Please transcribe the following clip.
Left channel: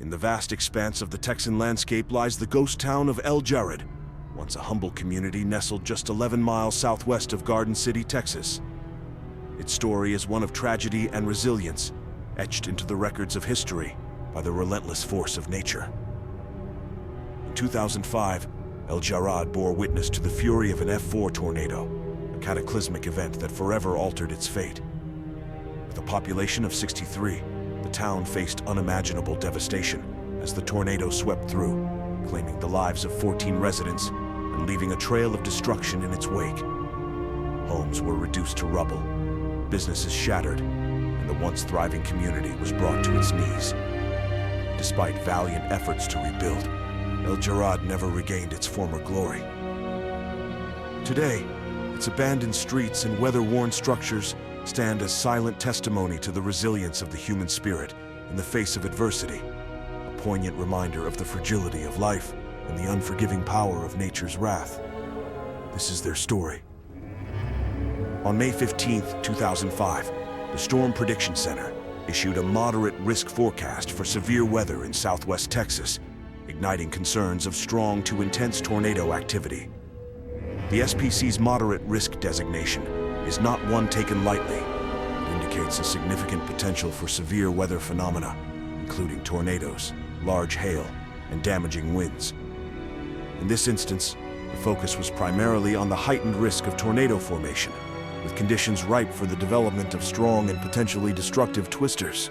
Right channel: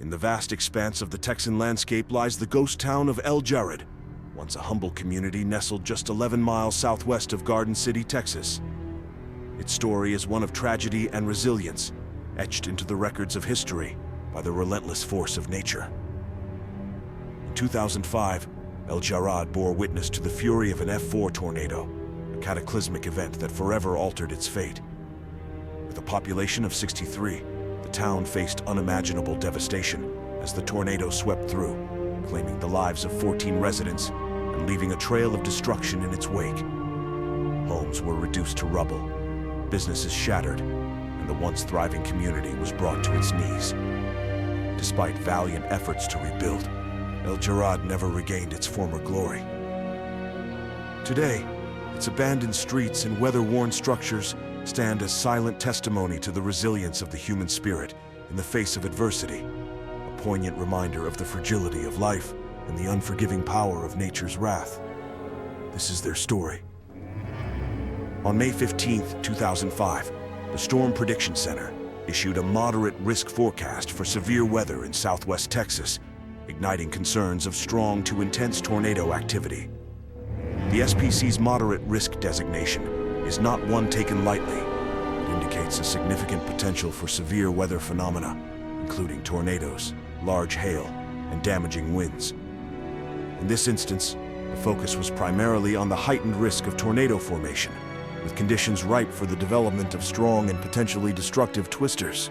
In the vast expanse of the Texan landscape lies the ghost town of Jarrad, once a humble community nestled just 11 miles southwest of Garden City, Texas. Its story is one of tragedy and resilience, etched into the records of history by the relentless force of nature. In 2005, Jarrad bore witness to the fury of an F4 tornado, a cataclysmic event that forever altered its fate. With a population of 63, the town faced unimaginable devastation as the tornado swept through, claiming the lives of 14 residents and leaving a trail of destruction in its wake. Homes were reduced to rubble, businesses shattered, and the once thriving community was brought to its knees. Despite valiant efforts to rebuild, Jarrad never regained its former glory. Today, its abandoned streets and weather-worn structures stand as silent testimony to the resilience of the human spirit in the face of adversity, a poignant reminder of the fragility of life and the unforgiving power of nature's wrath. This is their story. On May 15, 2005, the Storm Prediction Center issued a moderate risk forecast for severe weather in southwest Texas, igniting concerns of strong to intense tornado activity. The SPC's moderate risk designation is not one taken lightly. It indicates a significant potential for severe weather phenomena, including tornadoes, large hail, and damaging winds. In this instance, the focus was primarily on the heightened risk of tornado formation, with conditions ripe for the development of strong and potentially destructive twisters.